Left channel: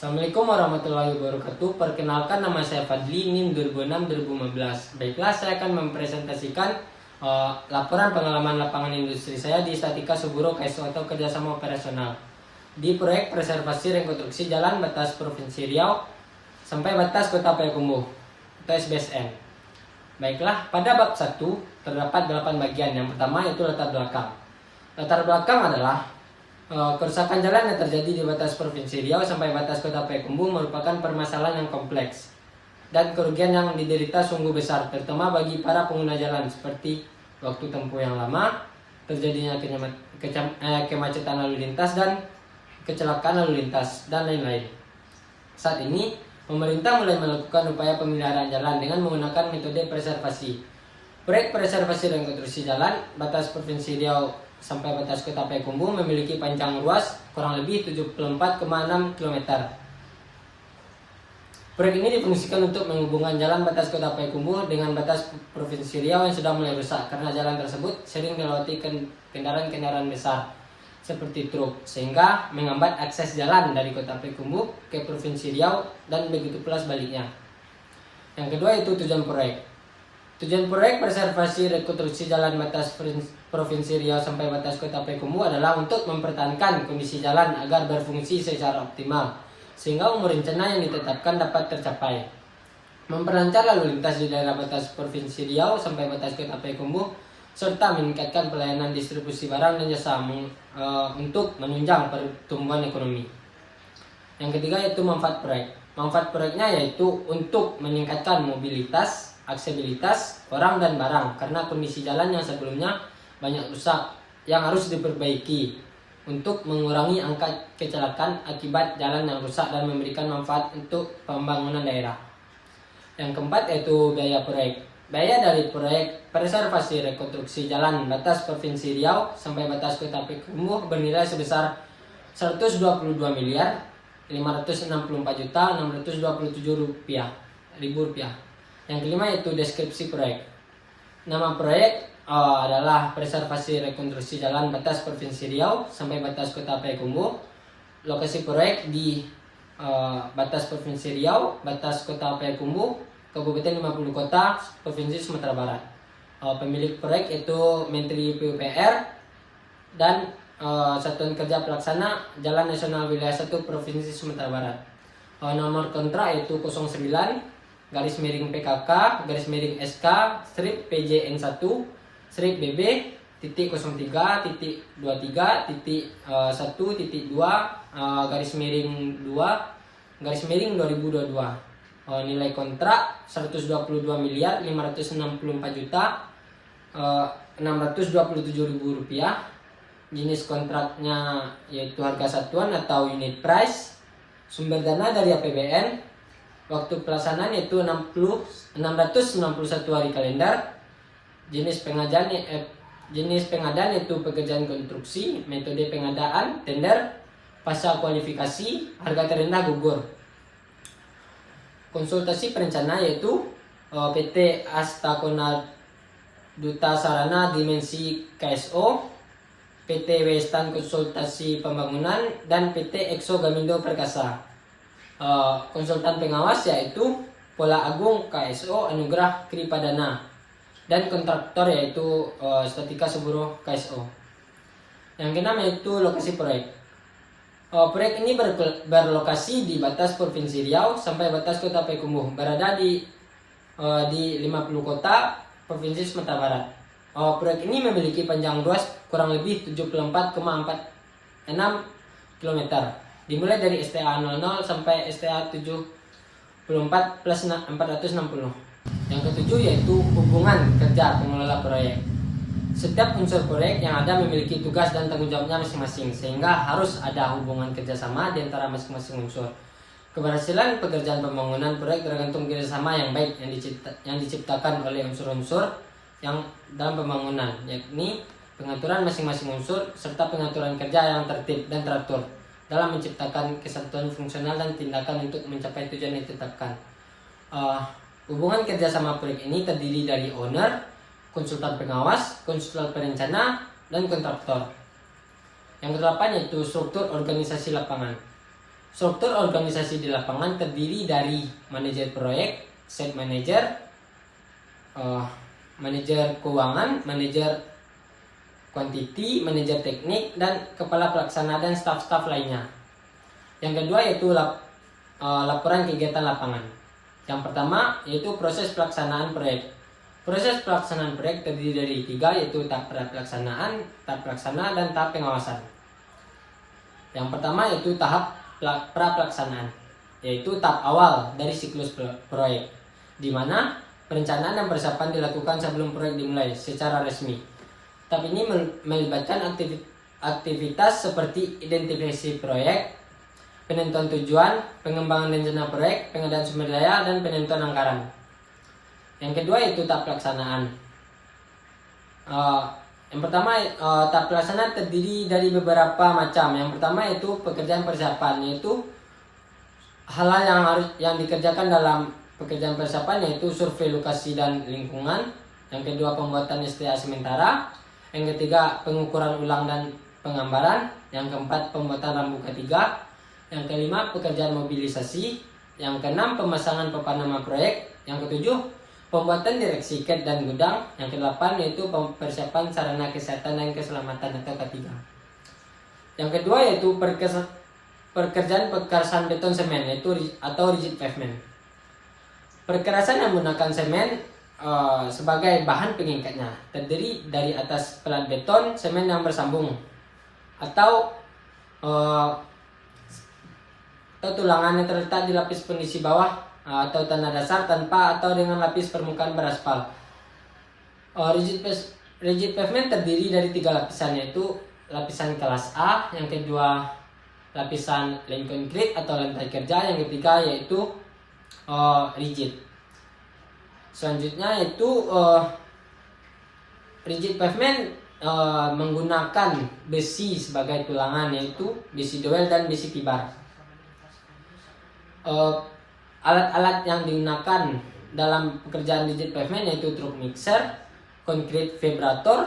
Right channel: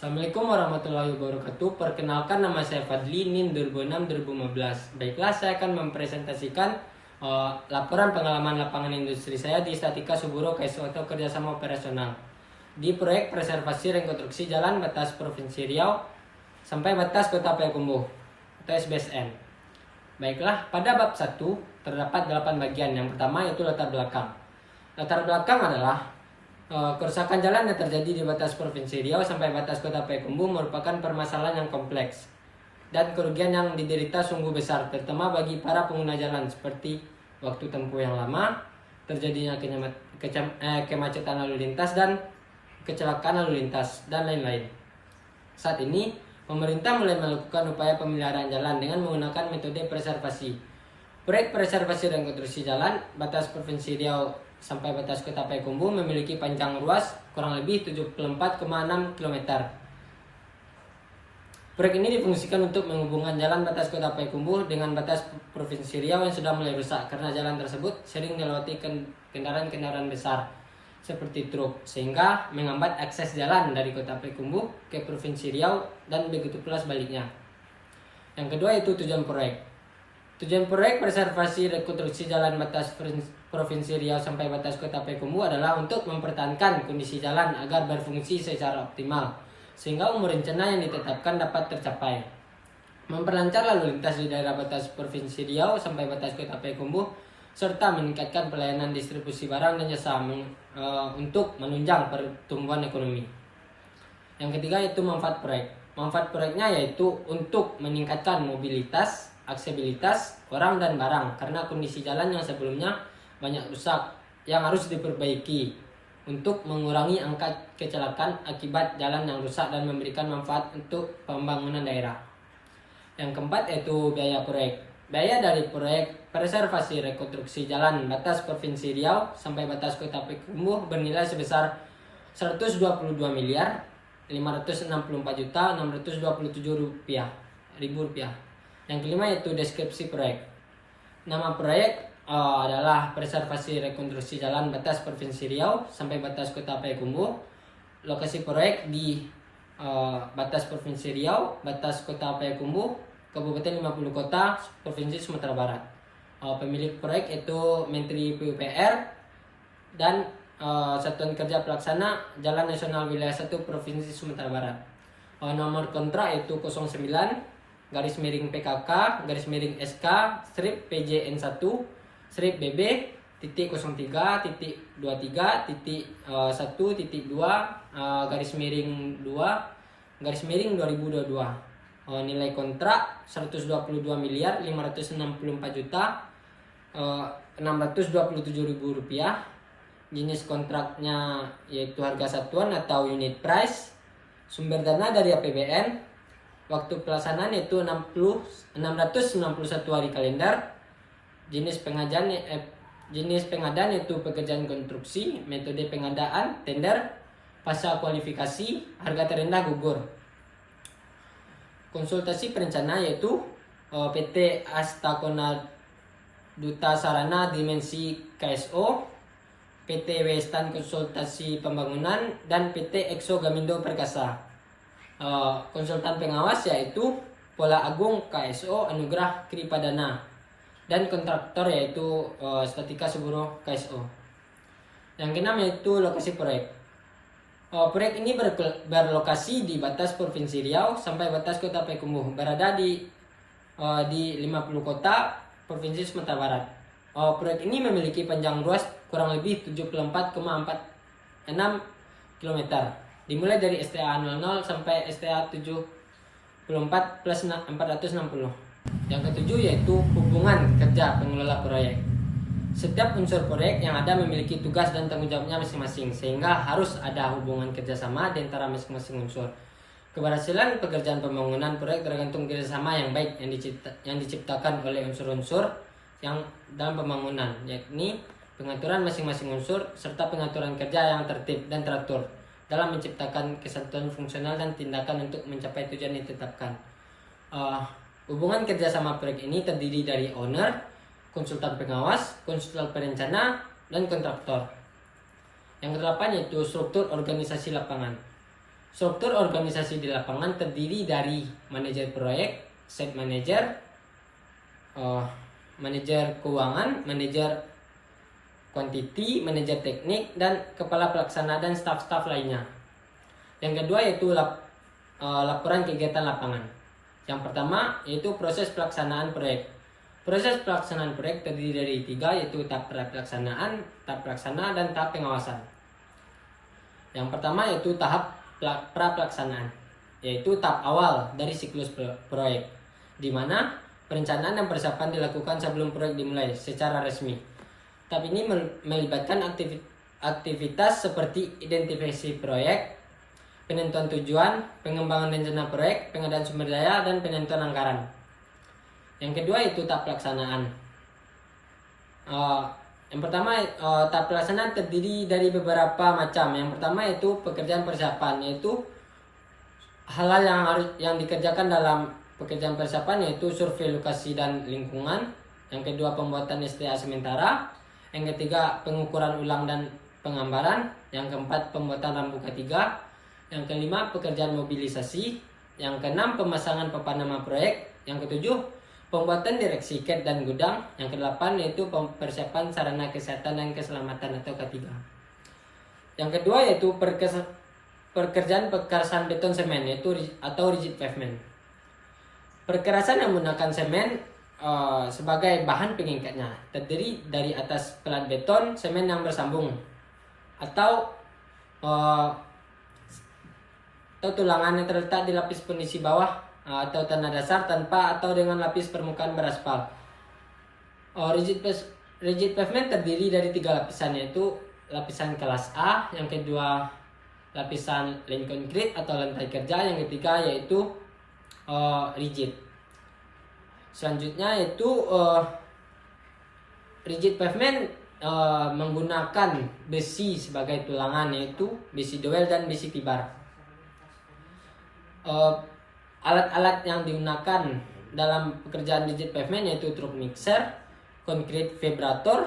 Assalamualaikum warahmatullahi wabarakatuh. Perkenalkan, nama saya Fadli, NIM 2006-2015. Baiklah, saya akan mempresentasikan laporan pengalaman lapangan industri saya di Statika Suburo KSO atau kerjasama operasional di proyek preservasi rekonstruksi jalan batas Provinsi Riau sampai batas Kota Payakumbuh atau SBSN. Baiklah, pada bab 1 terdapat 8 bagian. Yang pertama yaitu latar belakang. Latar belakang adalah kerusakan jalan yang terjadi di batas Provinsi Riau sampai batas Kota Payakumbuh merupakan permasalahan yang kompleks dan kerugian yang diderita sungguh besar, terutama bagi para pengguna jalan, seperti waktu tempuh yang lama, terjadinya kemacetan lalu lintas dan kecelakaan lalu lintas, dan lain-lain. Saat ini, pemerintah mulai melakukan upaya pemeliharaan jalan dengan menggunakan metode preservasi. Proyek preservasi rekonstruksi jalan batas Provinsi Riau sampai batas Kota Payakumbuh memiliki panjang ruas kurang lebih 74,6 km. Proyek ini difungsikan untuk menghubungkan jalan batas Kota Payakumbuh dengan batas Provinsi Riau yang sudah mulai rusak karena jalan tersebut sering dilewati kendaraan-kendaraan besar seperti truk, sehingga menghambat akses jalan dari Kota Payakumbuh ke Provinsi Riau dan begitu pula sebaliknya. Yang kedua yaitu tujuan proyek. Tujuan proyek preservasi rekonstruksi jalan batas Provinsi Riau sampai batas Kota Payakumbuh adalah untuk mempertahankan kondisi jalan agar berfungsi secara optimal, sehingga umur rencana yang ditetapkan dapat tercapai. Memperlancar lalu lintas di daerah batas Provinsi Riau sampai batas Kota Payakumbuh, serta meningkatkan pelayanan distribusi barang dan jasa untuk menunjang pertumbuhan ekonomi. Yang ketiga yaitu manfaat proyek. Manfaat proyeknya yaitu untuk meningkatkan mobilitas, aksesibilitas orang dan barang karena kondisi jalan yang sebelumnya banyak rusak yang harus diperbaiki untuk mengurangi angka kecelakaan akibat jalan yang rusak dan memberikan manfaat untuk pembangunan daerah. Yang keempat yaitu biaya proyek. Biaya dari proyek preservasi rekonstruksi jalan batas Provinsi Riau sampai batas Kota Payakumbuh bernilai sebesar 122 miliar 564 juta 627 ribu rupiah. Yang kelima yaitu deskripsi proyek. Nama proyek adalah preservasi rekonstruksi jalan batas Provinsi Riau sampai batas Kota Payakumbuh. Lokasi proyek di batas Provinsi Riau, batas Kota Payakumbuh, Kabupaten 50 Kota, Provinsi Sumatera Barat. Pemilik proyek itu Menteri PUPR dan Satuan Kerja Pelaksana Jalan Nasional Wilayah 1 Provinsi Sumatera Barat. Nomor kontrak yaitu 09-PKK SK PJN1 BB titik 03.23.1.2 2 nilai kontrak 122 miliar 564 juta 627 ribu rupiah. Jenis kontraknya yaitu harga satuan atau unit price. Sumber dana dari APBN. Waktu pelaksanaan yaitu 691 hari kalender. Jenis pengadaan yaitu pekerjaan konstruksi, metode pengadaan, tender, pasca kualifikasi, harga terendah gugur. Konsultasi perencana yaitu PT Astakona Duta Sarana Dimensi KSO, PT Westan Konsultasi Pembangunan, dan PT Exo Gamindo Perkasa. Konsultan pengawas yaitu Pola Agung KSO Anugrah Kripadana, dan kontraktor yaitu Statika Suburo KSO. Yang keenam yaitu lokasi proyek. Proyek ini berlokasi di batas Provinsi Riau sampai batas Kota Payakumbuh, berada di 50 kota Provinsi Sumatera Barat. Proyek ini memiliki panjang ruas kurang lebih 74,46 km, dimulai dari STA 00 sampai STA 74 plus 460. Yang ketujuh yaitu hubungan kerja pengelola proyek. Setiap unsur proyek yang ada memiliki tugas dan tanggung jawabnya masing-masing, sehingga harus ada hubungan kerjasama di antara masing-masing unsur. Keberhasilan pekerjaan pembangunan proyek tergantung kerjasama yang baik yang diciptakan oleh unsur-unsur yang dalam pembangunan, yakni pengaturan masing-masing unsur serta pengaturan kerja yang tertib dan teratur dalam menciptakan kesatuan fungsional dan tindakan untuk mencapai tujuan yang ditetapkan. Hubungan kerjasama proyek ini terdiri dari owner, konsultan pengawas, konsultan perencana, dan kontraktor. Yang kedelapan yaitu struktur organisasi lapangan. Struktur organisasi di lapangan terdiri dari manajer proyek, site manager, manajer keuangan, manajer quantity, manajer teknik, dan kepala pelaksana dan staf-staf lainnya. Yang kedua yaitu laporan kegiatan lapangan. Yang pertama yaitu proses pelaksanaan proyek. Proses pelaksanaan proyek terdiri dari 3, yaitu tahap pelaksanaan, tahap pelaksana, dan tahap pengawasan. Yang pertama yaitu tahap pra-pelaksanaan, yaitu tahap awal dari siklus proyek, di mana perencanaan dan persiapan dilakukan sebelum proyek dimulai secara resmi. Tahap ini melibatkan aktivitas seperti identifikasi proyek, penentuan tujuan, pengembangan rencana proyek, pengadaan sumber daya, dan penentuan anggaran. Yang kedua yaitu tahap pelaksanaan. Yang pertama, tahap pelaksanaan terdiri dari beberapa macam. Yang pertama yaitu pekerjaan persiapan, yaitu hal-hal yang dikerjakan dalam pekerjaan persiapan, yaitu survei lokasi dan lingkungan. Yang kedua, pembuatan STA sementara. Yang ketiga, pengukuran ulang dan penggambaran. Yang keempat, pembuatan rambu K3. Yang kelima, pekerjaan mobilisasi. Yang keenam, pemasangan papan nama proyek. Yang ketujuh, pembuatan direksi CAD dan gudang. Yang kedelapan yaitu persiapan sarana kesehatan dan keselamatan atau K3. Yang kedua yaitu pekerjaan pekerasan beton semen, yaitu atau rigid pavement. Perkerasan yang menggunakan semen sebagai bahan pengikatnya terdiri dari atas pelat beton semen yang bersambung atau tulangan yang terletak di lapis pondasi bawah atau tanah dasar tanpa atau dengan lapis permukaan beraspal. Rigid pavement terdiri dari 3 lapisan, yaitu lapisan kelas A, yang kedua lapisan lane concrete atau lantai kerja, yang ketiga yaitu rigid. Selanjutnya yaitu rigid pavement menggunakan besi sebagai tulangan, yaitu besi dowel dan besi tibar. Alat-alat yang digunakan dalam pekerjaan rigid pavement yaitu truk mixer, concrete vibrator,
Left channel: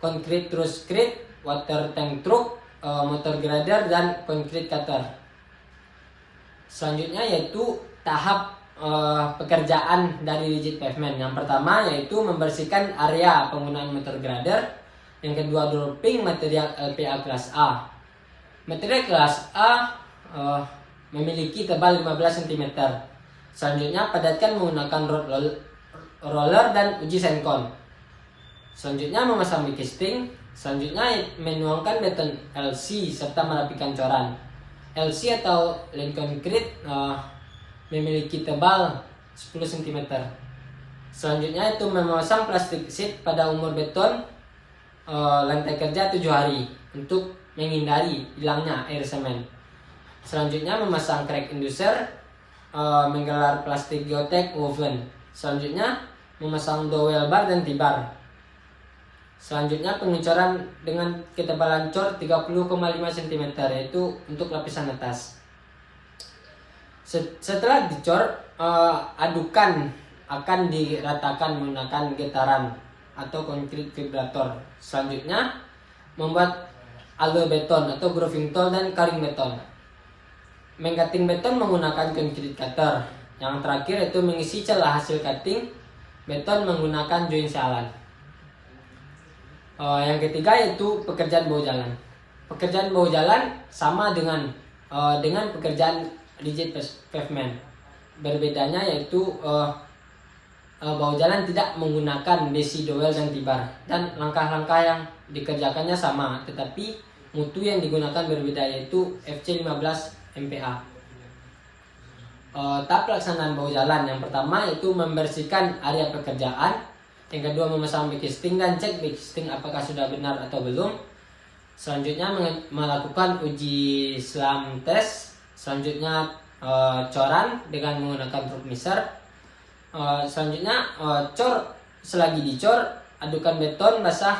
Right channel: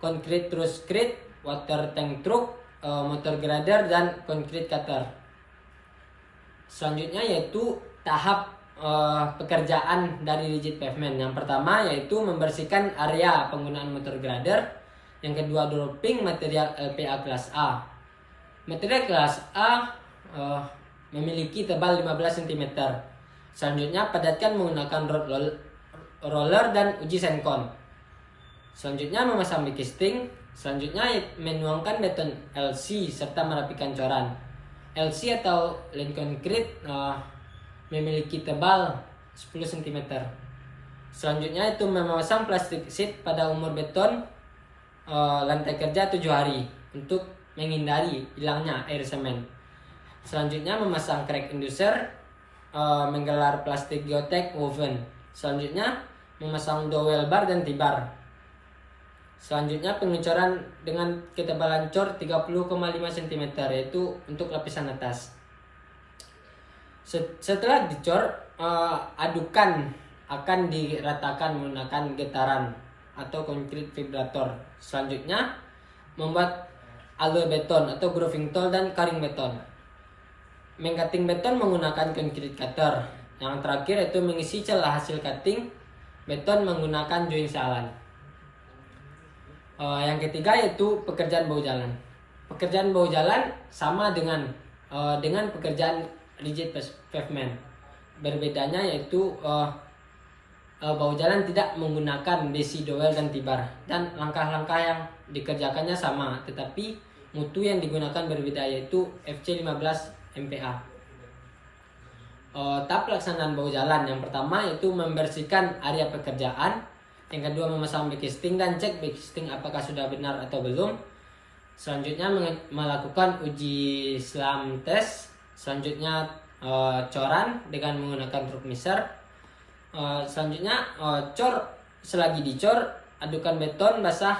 concrete truss crate, water tank truck, motor grader, dan concrete cutter. Selanjutnya yaitu tahap pekerjaan dari rigid pavement. Yang pertama yaitu membersihkan area penggunaan motor grader. Yang kedua, dropping material LPA kelas A. Material kelas A memiliki tebal 15 cm. Selanjutnya, padatkan menggunakan roller dan uji senkon. Selanjutnya, memasang casting. Selanjutnya, menuangkan beton LC serta merapikan coran. LC atau lane concrete memiliki tebal 10 cm. Selanjutnya itu memasang plastik sheet pada umur beton lantai kerja 7 hari untuk menghindari hilangnya air semen. Selanjutnya memasang crack inducer, menggelar plastik geotek woven. Selanjutnya memasang dowel bar dan T-bar. Selanjutnya pengecoran dengan ketebalan cor 30,5 cm, yaitu untuk lapisan atas. Setelah dicor, adukan akan diratakan menggunakan getaran atau concrete vibrator. Selanjutnya membuat alloy beton atau grooving tool dan karing beton. Mengcutting beton menggunakan concrete cutter. Yang terakhir itu mengisi celah hasil cutting beton menggunakan join sealan. Yang ketiga yaitu pekerjaan bahu jalan. Pekerjaan bahu jalan sama dengan pekerjaan rigid pavement. Berbedanya yaitu bahu jalan tidak menggunakan besi dowel dan T-bar, dan langkah-langkah yang dikerjakannya sama, tetapi mutu yang digunakan berbeda, yaitu FC 15 MPa. Tahap pelaksanaan bahu jalan yang pertama yaitu membersihkan area pekerjaan. Yang kedua memasang backcasting dan cek backcasting apakah sudah benar atau belum. Selanjutnya melakukan uji slam test. Selanjutnya coran dengan menggunakan truk mixer. Selanjutnya cor, selagi dicor adukan beton basah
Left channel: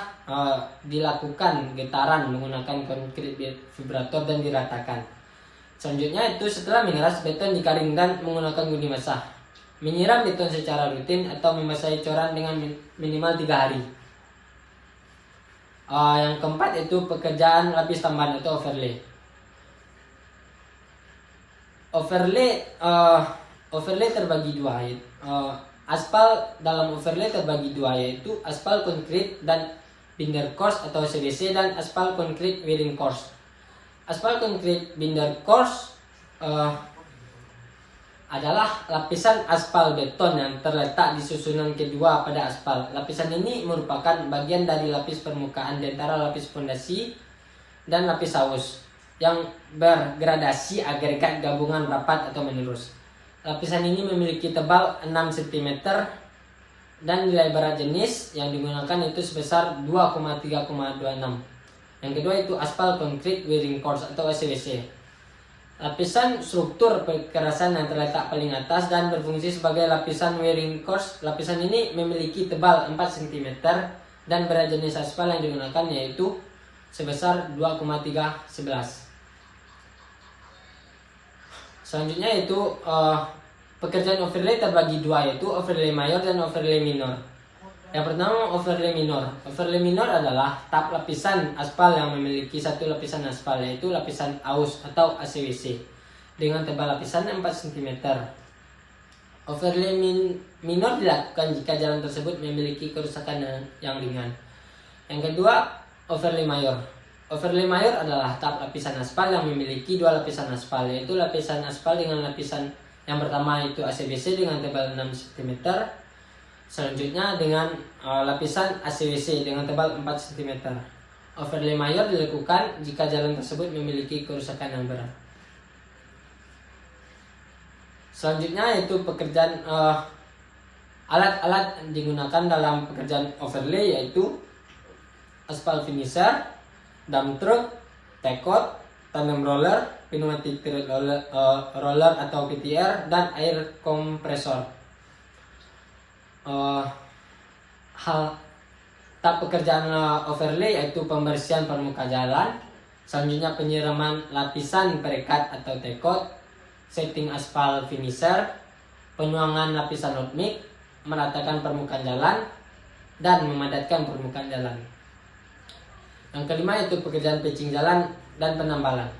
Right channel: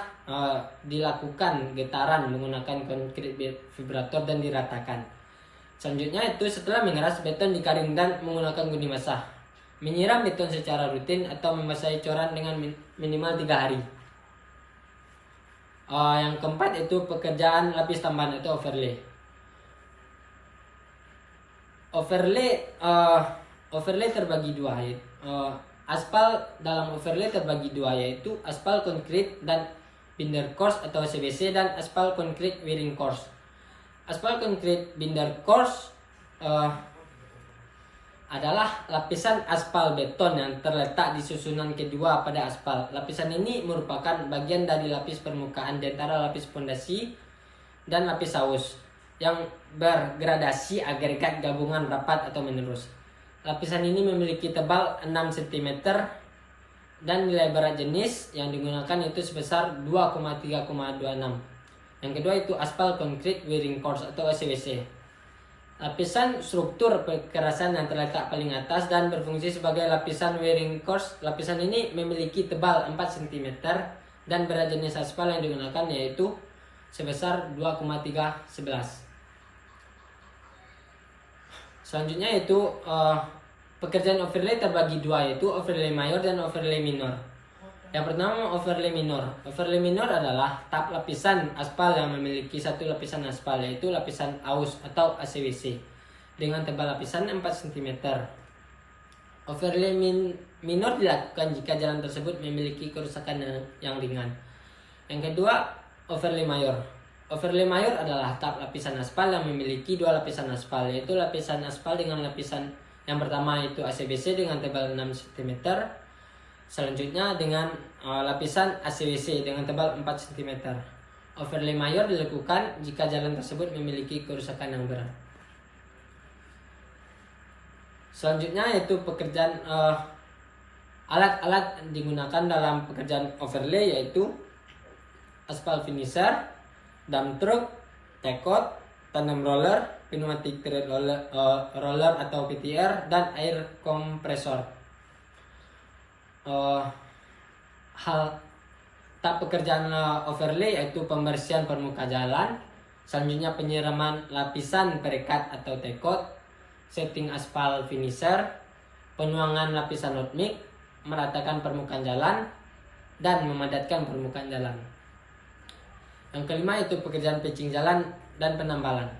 dilakukan getaran menggunakan concrete vibrator dan diratakan. Selanjutnya itu setelah mengeras beton dikaring dan menggunakan gundi basah. Menyiram beton secara rutin atau membasahi coran dengan minimal 3 hari. Yang keempat itu pekerjaan lapis tambahan atau overlay. Overlay terbagi dua, aspal dalam overlay terbagi dua, yaitu aspal konkrit dan binder course atau CBC, dan aspal konkrit wearing course. Aspal konkrit binder course adalah lapisan aspal beton yang terletak di susunan kedua pada aspal. Lapisan ini merupakan bagian dari lapis permukaan di antara lapis fondasi dan lapis saus yang bergradasi agregat gabungan rapat atau menerus. Lapisan ini memiliki tebal 6 cm dan nilai berat jenis yang digunakan itu sebesar 2,3,26. Yang kedua itu aspal konkrit wearing course atau SWC. Lapisan struktur kekerasan yang terletak paling atas dan berfungsi sebagai lapisan wearing course. Lapisan ini memiliki tebal 4 cm dan berat jenis aspal yang digunakan yaitu sebesar 2,311. Selanjutnya yaitu pekerjaan overlay terbagi dua, yaitu overlay mayor dan overlay minor. Yang pertama overlay minor. Overlay minor adalah tahap lapisan aspal yang memiliki satu lapisan aspal, yaitu lapisan aus atau ACWC dengan tebal lapisan 4 cm. Overlay minor dilakukan jika jalan tersebut memiliki kerusakan yang ringan. Yang kedua overlay mayor. Overlay mayor adalah tahap lapisan aspal yang memiliki dua lapisan aspal, yaitu lapisan aspal dengan lapisan yang pertama itu ACBC dengan tebal 6 cm. Selanjutnya dengan lapisan ACWC dengan tebal 4 cm. Overlay mayor dilakukan jika jalan tersebut memiliki kerusakan yang berat. Selanjutnya yaitu pekerjaan alat-alat digunakan dalam pekerjaan overlay, yaitu aspal finisher, dump truck, tekot, tandem roller, pneumatic tread roller atau PTR, dan air kompresor. Tahap pekerjaan overlay yaitu pembersihan permukaan jalan, selanjutnya penyiraman lapisan perekat atau tekot, setting aspal finisher, penuangan lapisan hot mix, meratakan permukaan jalan, dan memadatkan permukaan jalan. Yang kelima itu pekerjaan patching jalan dan penambalan.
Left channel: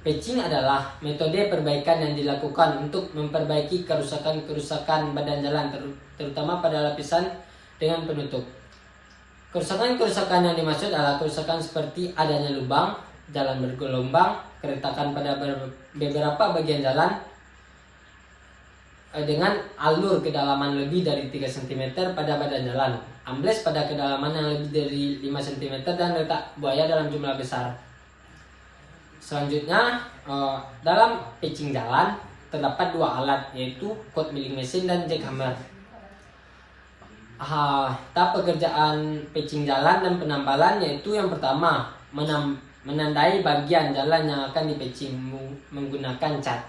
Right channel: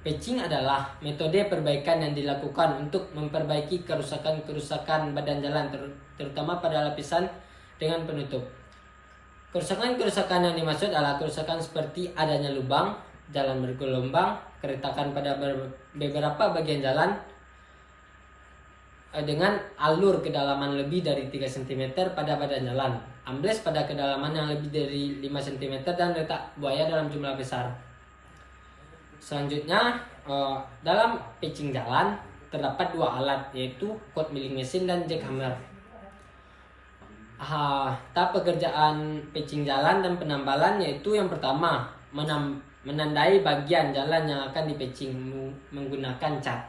Patching adalah metode perbaikan yang dilakukan untuk memperbaiki kerusakan-kerusakan badan jalan, terutama pada lapisan dengan penutup. Kerusakan-kerusakan yang dimaksud adalah kerusakan seperti adanya lubang, jalan bergelombang, keretakan pada beberapa bagian jalan dengan alur kedalaman lebih dari 3 cm pada badan jalan, ambles pada kedalaman yang lebih dari 5 cm, dan letak buaya dalam jumlah besar. Selanjutnya dalam patching jalan terdapat dua alat, yaitu cold milling machine dan jackhammer. Tahap pekerjaan patching jalan dan penambalan yaitu yang pertama menandai bagian jalan yang akan dipatching menggunakan cat.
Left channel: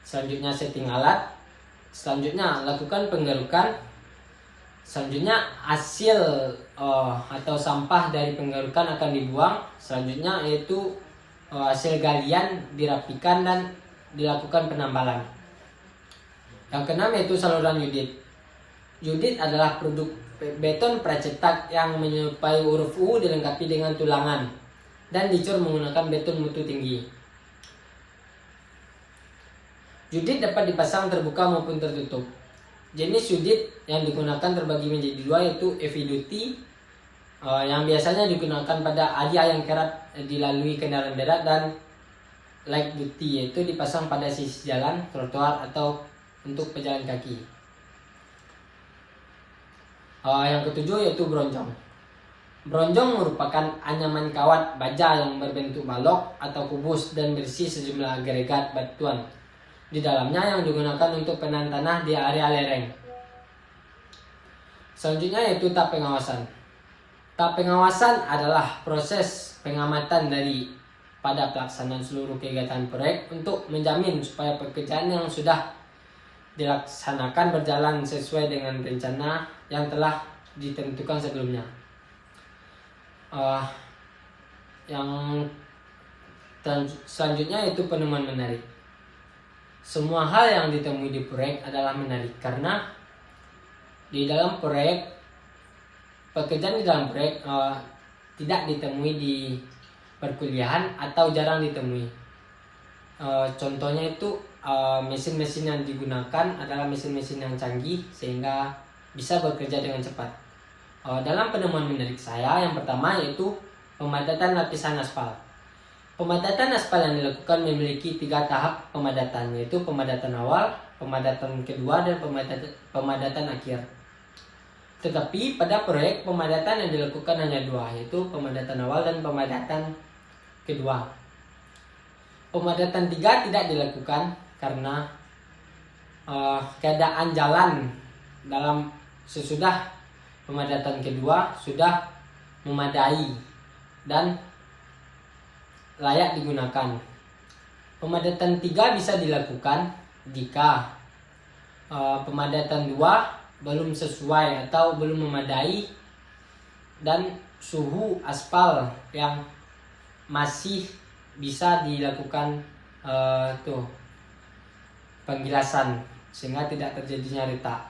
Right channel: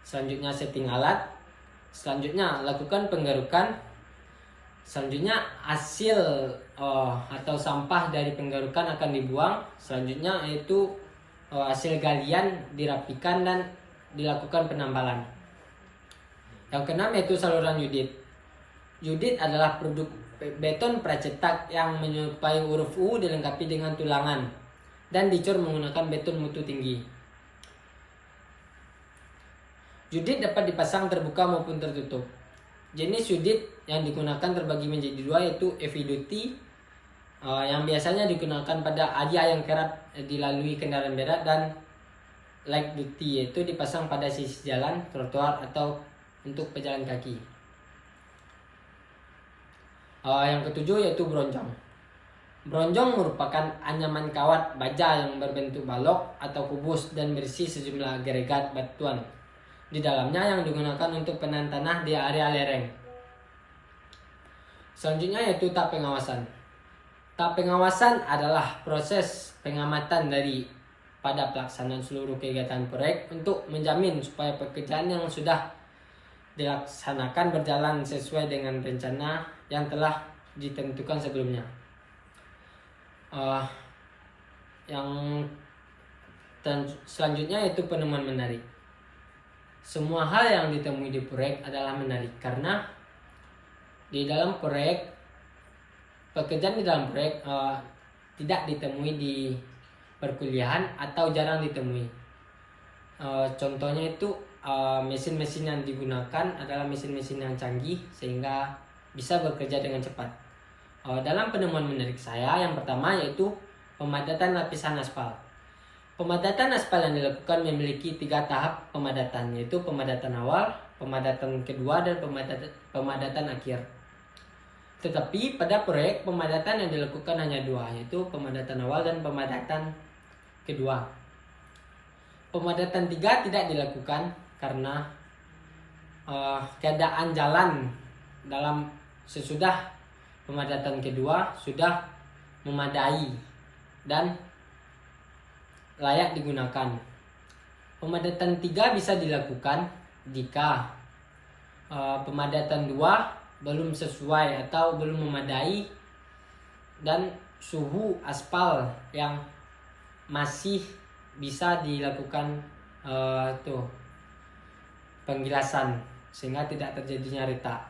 Selanjutnya setting alat. Selanjutnya lakukan penggarukan. Selanjutnya hasil atau sampah dari penggarukan akan dibuang. Selanjutnya yaitu hasil galian dirapikan dan dilakukan penambalan. Yang keenam yaitu saluran Udit. Udit adalah produk beton pracetak yang menyerupai huruf U dilengkapi dengan tulangan dan dicor menggunakan beton mutu tinggi. Udit dapat dipasang terbuka maupun tertutup. Jenis udit yang digunakan terbagi menjadi dua, yaitu heavy duty yang biasanya digunakan pada area yang kerap dilalui kendaraan berat, dan light duty yaitu dipasang pada sisi jalan, trotoar, atau untuk pejalan kaki. Yang ketujuh yaitu bronjong. Bronjong merupakan anyaman kawat baja yang berbentuk balok atau kubus dan berisi sejumlah agregat batuan di dalamnya yang digunakan untuk penahan tanah di area lereng. Selanjutnya yaitu tahap pengawasan. Tahap pengawasan adalah proses pengamatan pada pelaksanaan seluruh kegiatan proyek untuk menjamin supaya pekerjaan yang sudah dilaksanakan berjalan sesuai dengan rencana yang telah ditentukan sebelumnya. Selanjutnya yaitu penemuan menarik. Semua hal yang ditemui di proyek adalah menarik karena di dalam proyek pekerjaan di dalam proyek tidak ditemui di perkuliahan atau jarang ditemui. Contohnya itu mesin-mesin yang digunakan adalah mesin-mesin yang canggih sehingga bisa bekerja dengan cepat. Dalam penemuan menarik saya, yang pertama yaitu pemadatan lapisan aspal. Pemadatan aspal yang dilakukan memiliki 3 tahap pemadatan, yaitu pemadatan awal, pemadatan kedua, dan pemadatan akhir. Tetapi pada proyek pemadatan yang dilakukan hanya 2, yaitu pemadatan awal dan pemadatan kedua. Pemadatan 3 tidak dilakukan karena keadaan jalan dalam sesudah pemadatan kedua sudah memadai dan layak digunakan. Pemadatan 3 bisa dilakukan jika pemadatan 2 belum sesuai atau belum memadai dan suhu aspal yang masih bisa dilakukan penggilasan sehingga tidak terjadinya retak.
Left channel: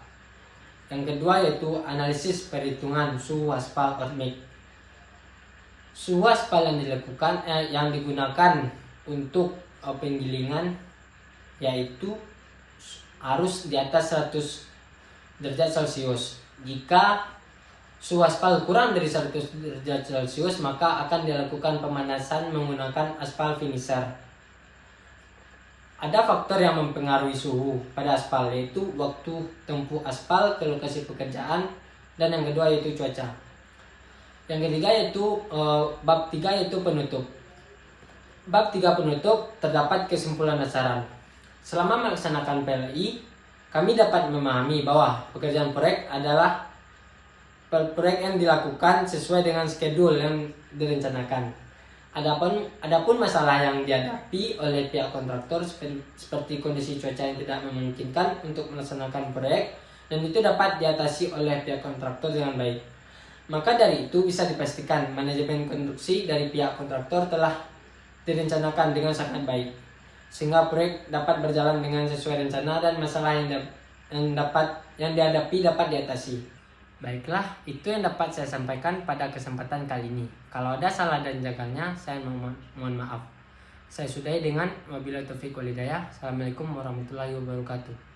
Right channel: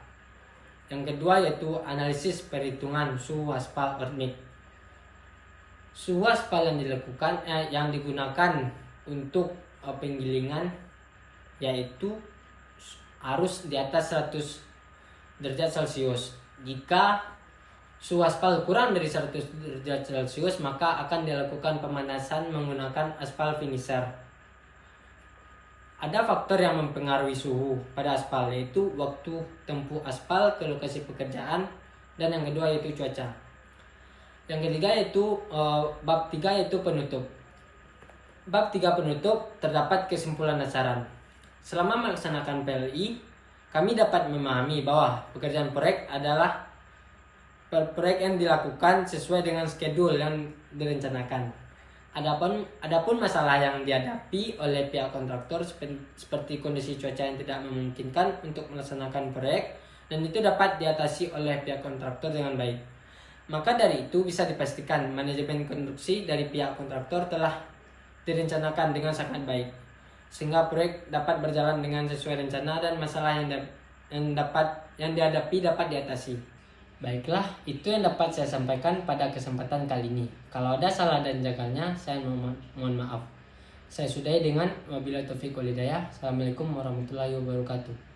Yang kedua yaitu analisis perhitungan suhu aspal earthmix. Suhu aspal yang digunakan untuk penggilingan yaitu harus di atas 100 derajat Celcius. Jika suhu aspal kurang dari 100 derajat Celcius, maka akan dilakukan pemanasan menggunakan aspal finisher. Ada faktor yang mempengaruhi suhu pada aspal, yaitu waktu tempuh aspal ke lokasi pekerjaan, dan yang kedua yaitu cuaca. Yang ketiga yaitu bab 3 yaitu penutup. Bab 3 penutup terdapat kesimpulan dasaran. Selama melaksanakan PLI, kami dapat memahami bahwa pekerjaan proyek adalah proyek yang dilakukan sesuai dengan schedule yang direncanakan. Adapun masalah yang dihadapi oleh pihak kontraktor seperti kondisi cuaca yang tidak memungkinkan untuk melaksanakan proyek, dan itu dapat diatasi oleh pihak kontraktor dengan baik. Maka dari itu bisa dipastikan manajemen konstruksi dari pihak kontraktor telah direncanakan dengan sangat baik, sehingga proyek dapat berjalan dengan sesuai rencana dan masalah yang dihadapi dapat diatasi. Baiklah, itu yang dapat saya sampaikan pada kesempatan kali ini. Kalau ada salah dan jaganya, saya mohon maaf. Saya sudahi dengan wabillahi taufiq wal hidayah. Assalamualaikum warahmatullahi wabarakatuh.